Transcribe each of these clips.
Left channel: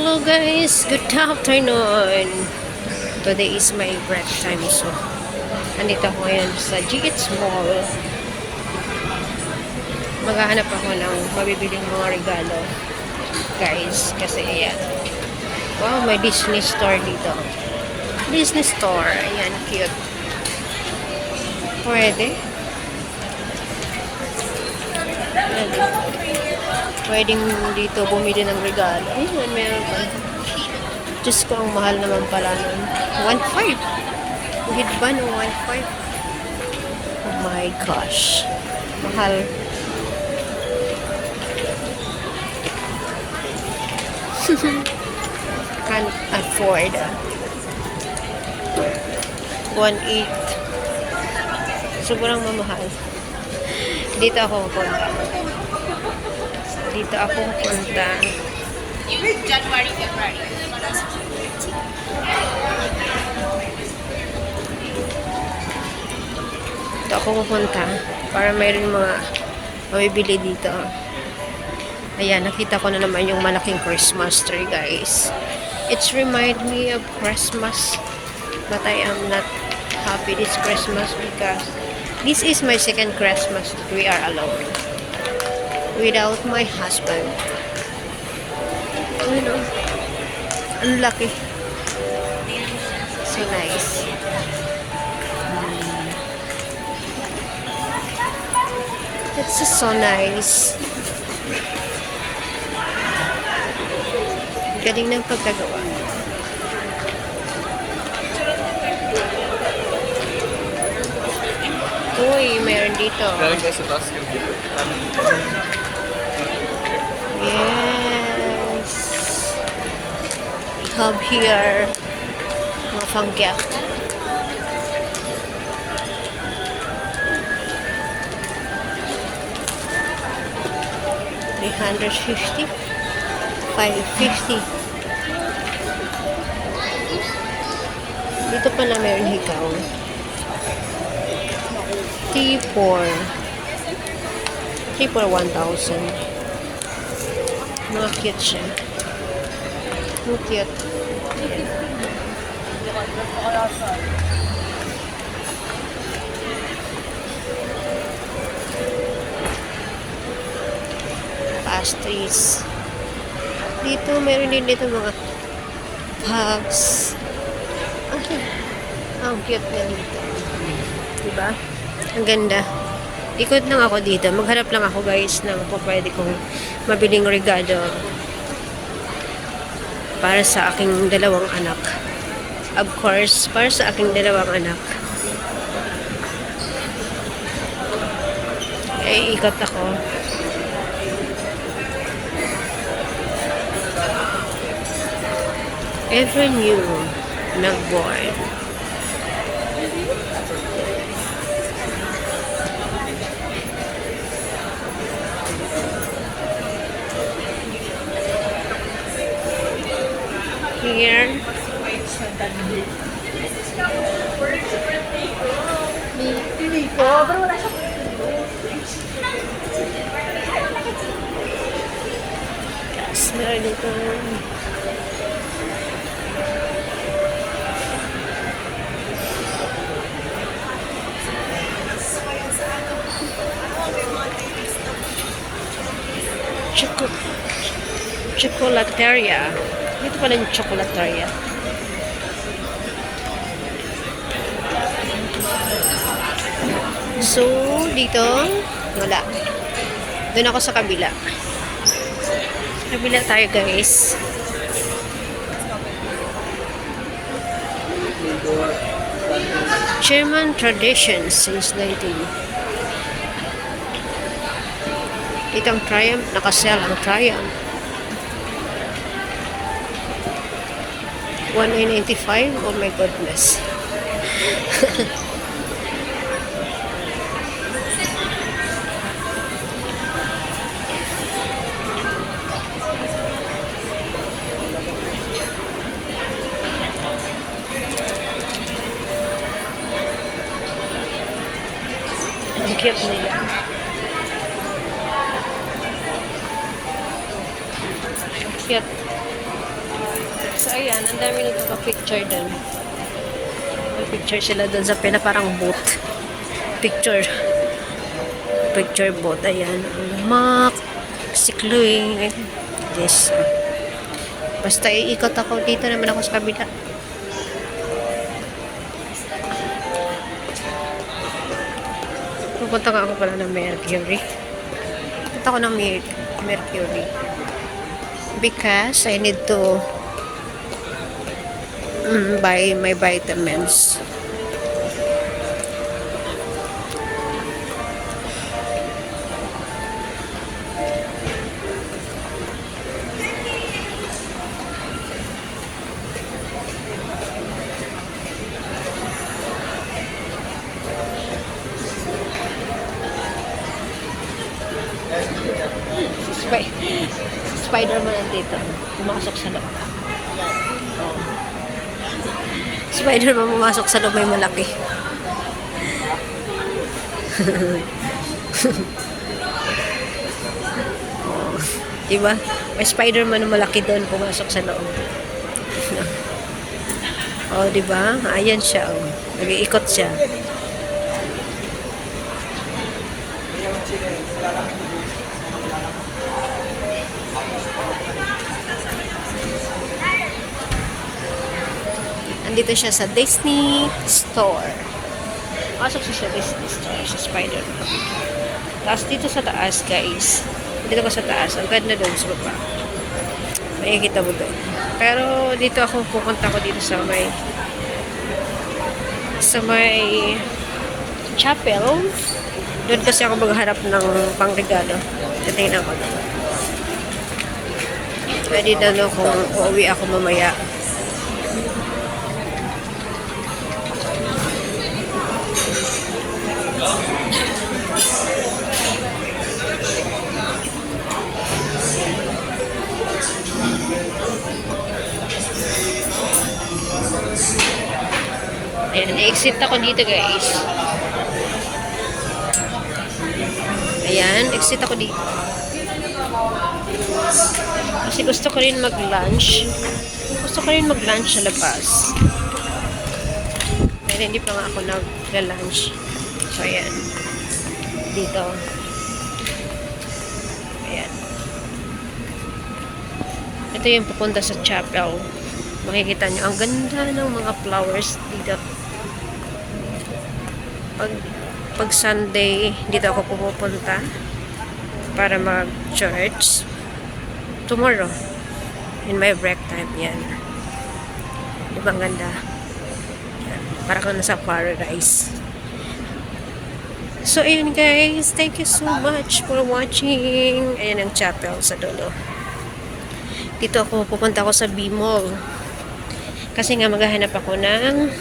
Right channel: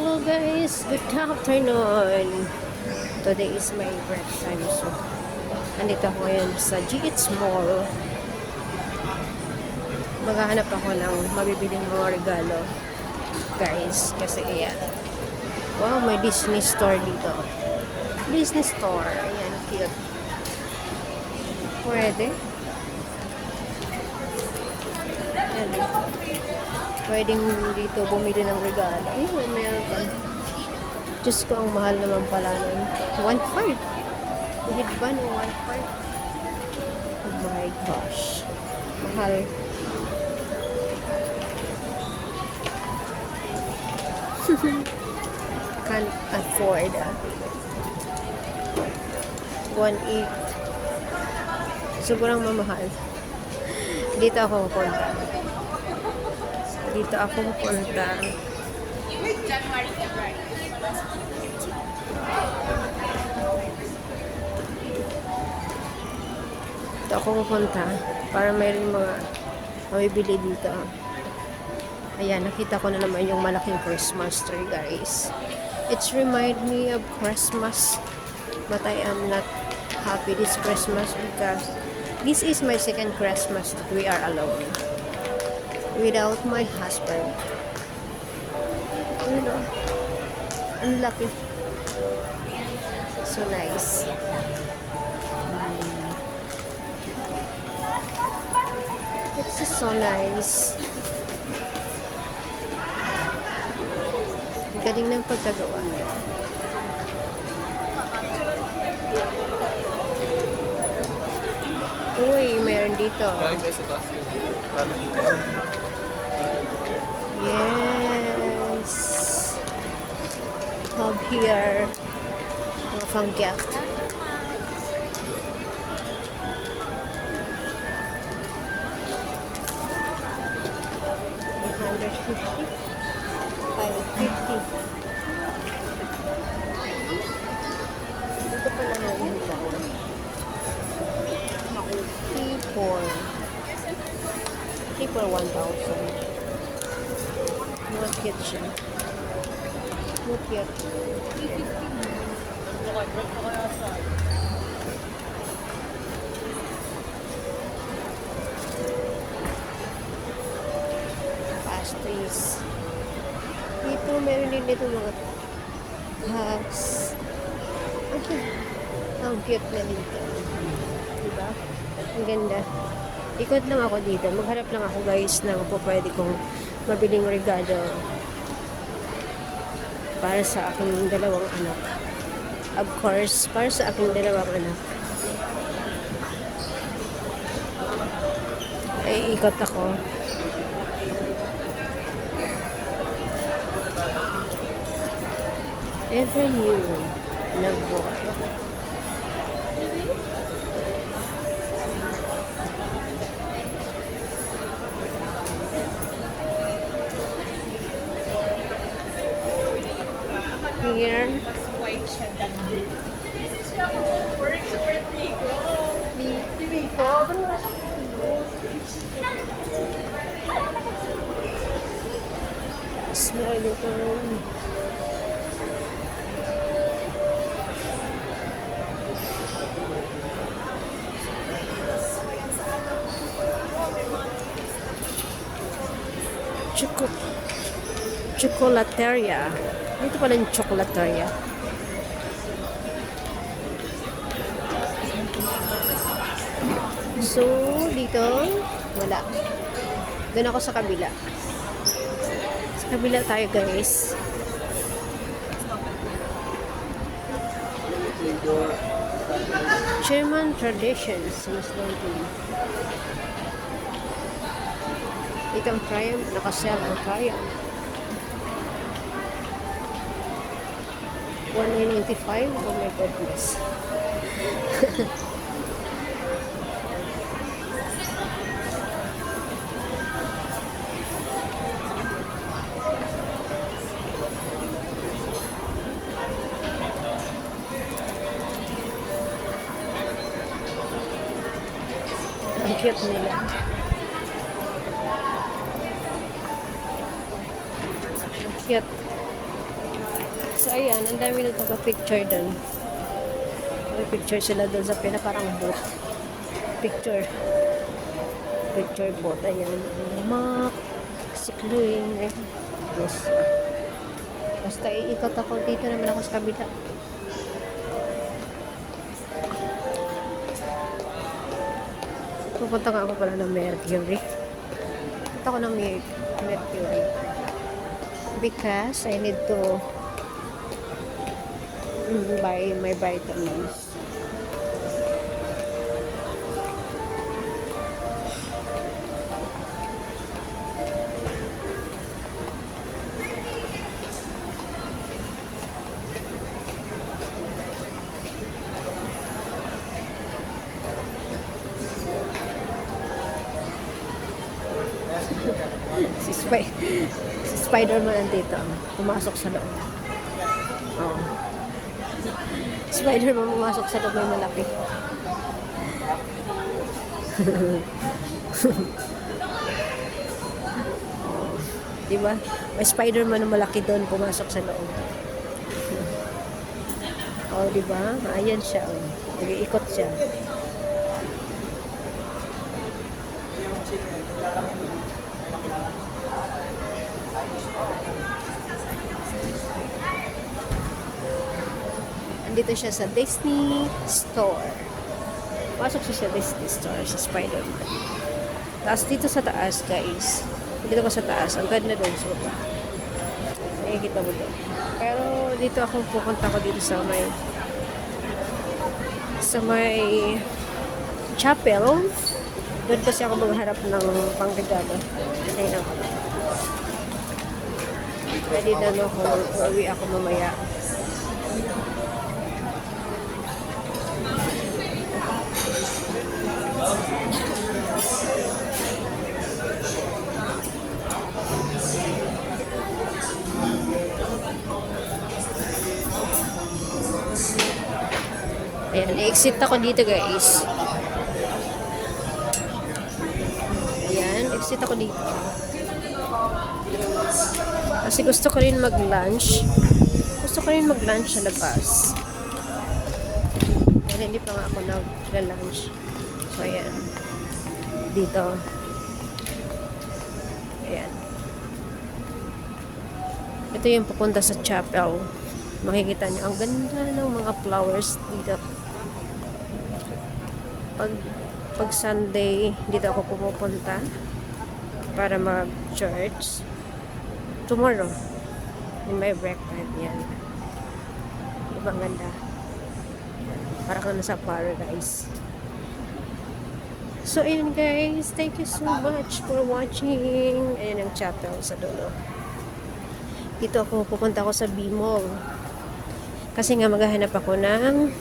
Hello guys, good afternoon. Today is my break time, so andito ako ngayon sa GH Mall. Maghahanap ako ng mabibiling mga regalo, guys, kasi ayan. Wow, may Disney store dito. Disney store, ayan, cute. Pwede. Ayan. Pwedeng dito bumili ng regalo. Ayan, meron. Diyos ko, ang mahal naman pala. 1.5. Hit ba no 1.5? Oh my gosh. Mahal. Can't afford. 1.8. Sobrang mamahal. Dito ako punta. Dito ako punta. January, February. Dito ako pupunta para mayroon mga mabibili dito. Ayan, nakita ko na naman yung malaking Christmas tree, guys. It's remind me of Christmas, but I am not happy this Christmas because this is my second Christmas that we are alone without my husband. You know, ang laki. So nice. It's just so nice. Galing ng pagkagawa. Uy, mayroon dito. Galing kayo sa basket. Yes. We have here mga pang-gift. $350, $550. Dito pala meron hikaw. T4 1,000. Mga cute siya. Mga cute. Pastries. Dito, meron din dito mga hugs. Ang cute na dito. Diba? Ang ganda. Ikot lang ako dito. Maghanap lang ako, guys, ng pwede kong mabiling regalo para sa aking dalawang anak. Of course, para sa aking dalawang anak. Ay, ikot ako. Ever new nag-board. Here. Yes, meron dito. Chocolateria. Dito pala yung chocolateria. So, dito, wala. Doon ako sa kabila. Sa kabila tayo, guys. German tradition since 19. Dito ang Triumph. Nakasell ang Triumph. 195. Oh my goodness. Ang cute na yan. Ang cute. So, ayan, ang dami nagpapapicture doon. Picture sila doon sa parang booth. Picture booth. Ayan. Mac, sikloy. Yes. Basta iikot ako dito naman ako sa kabila. Pupunta nga ako pala ng Mercury. Pupunta ako ng Mercury. Because I need to buy my vitamins. Si Spider-Man nandito. Pumasok sa loob. Spider-Man pumasok sa loob, may malaki. Oh, diba? May Spider-Man na malaki doon pumasok sa loob. Oh, diba? Ayan siya. Oh. Nag-iikot siya. Andito siya sa Disney Store. Pasok siya sa Disney Store, sa Spider-Man. Tapos dito sa taas, guys. Dito ko sa taas. Ang ganda doon sa baba. Makikita mo doon. Pero dito ako pupunta ko dito sa may chapel. Doon kasi ako magharap ng pangregalo. Titingnan ko. Pwede na no kung uuwi ako mamaya. Ayan, exit ako dito, guys. Ayan, exit ako dito. Kasi gusto ko rin mag-lunch. Gusto ko rin mag-lunch sa labas. Pero hindi pa nga ako nag-lunch. So, ayan. Dito. Ayan. Ito yung papunta sa chapel. Makikita nyo, ang ganda ng mga flowers dito. Pag Sunday, dito ako pupunta para mag-church. Tomorrow, in my break time, yan. Ibang ganda. Yan. Para ka nasa paradise. So, ayun guys. Thank you so much for watching. Ayan ang chapel sa dulo. Dito ako, pupunta ako sa B-Mall. Kasi nga maghahanap ako ng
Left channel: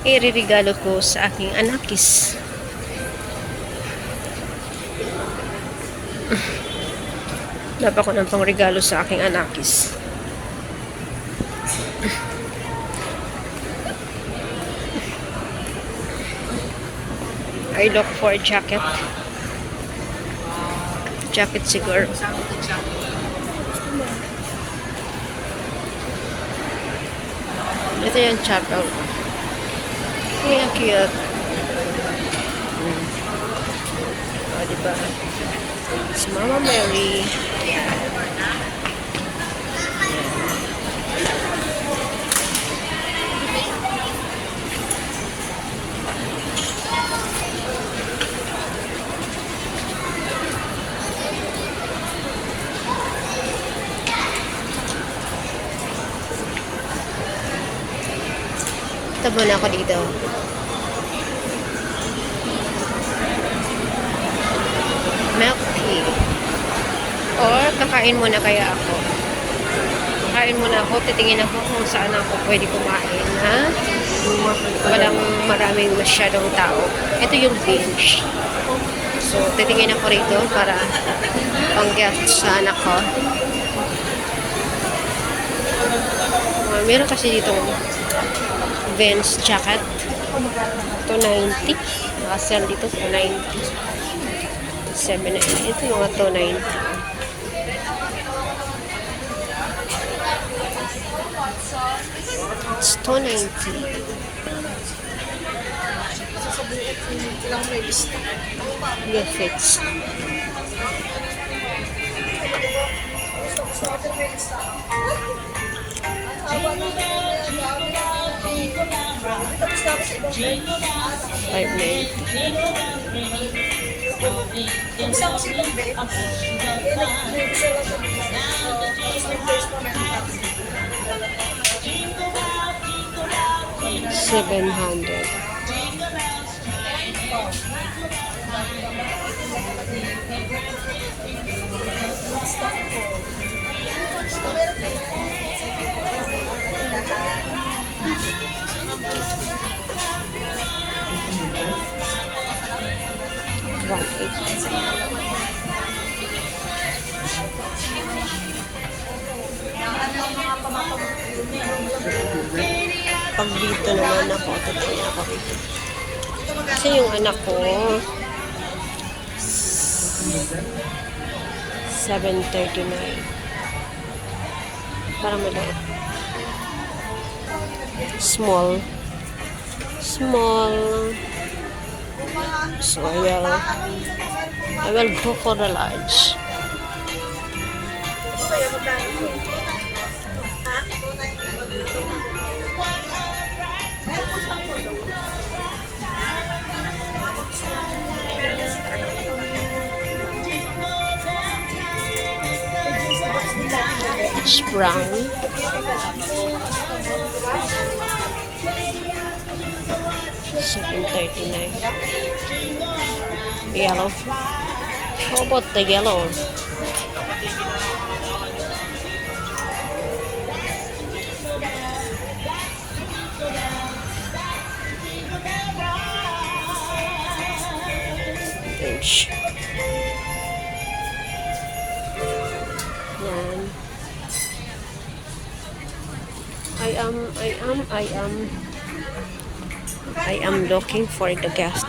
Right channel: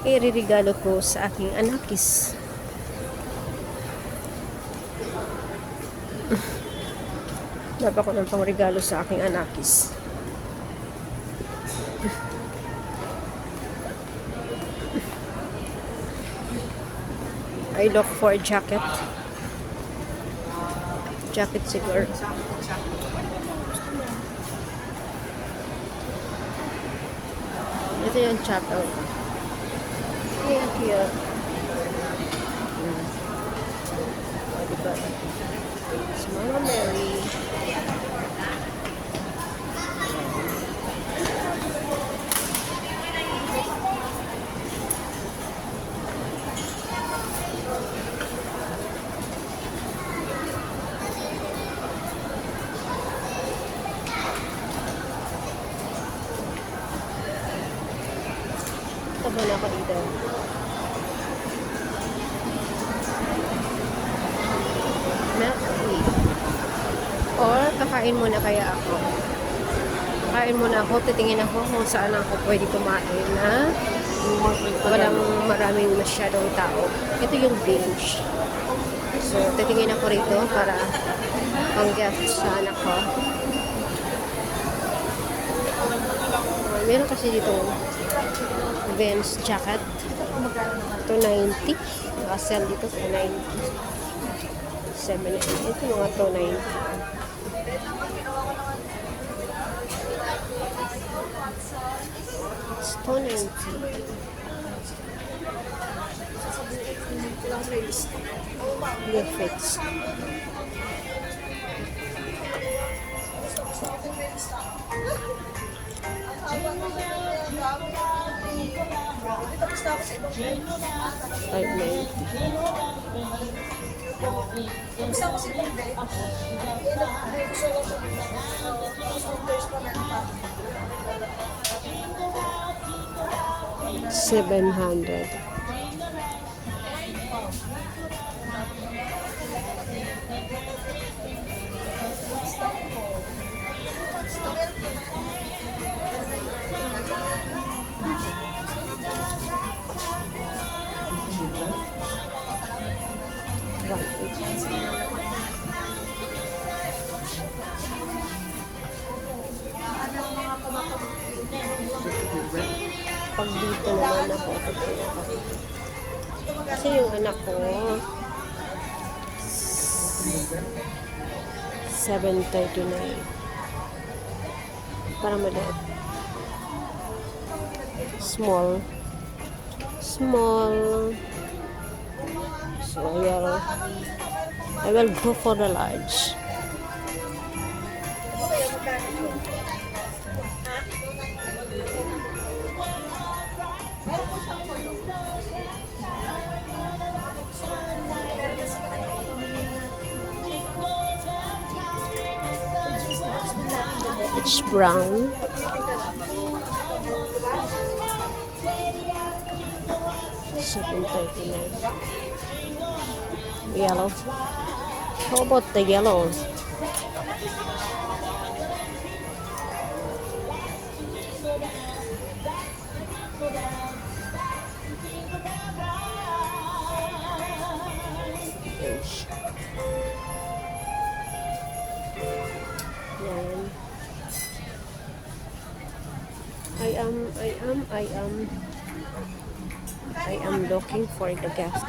iririgalo ko sa aking anakis. Dapat ko ng pangregalo sa aking anakis. I look for a jacket. Jacket siguro. Ito yung chapel. Ayan, cute. O, diba? Si Mama Mary. Tabo na ako dito. Milk tea. Or kakain muna kaya ako. Kakain muna ako. Titingin ako kung saan ako pwede kumain na walang maraming masyadong tao. Ito yung bench. So, titingin ako rito para pang-gift sa anak ko. Meron kasi dito Vans jacket. Ito 90. Nakasell dito 290. 7. Ito yung 290. 290. New fits. $700. Pag dito naman ako, tutuloy ako dito. Kasi yung anak ko, 739. Para maliit. Small. Small. So, yeah. I will go for a large. It's brown. $739. Yellow. How about the yellow? Orange. Yan. I am looking for the guest.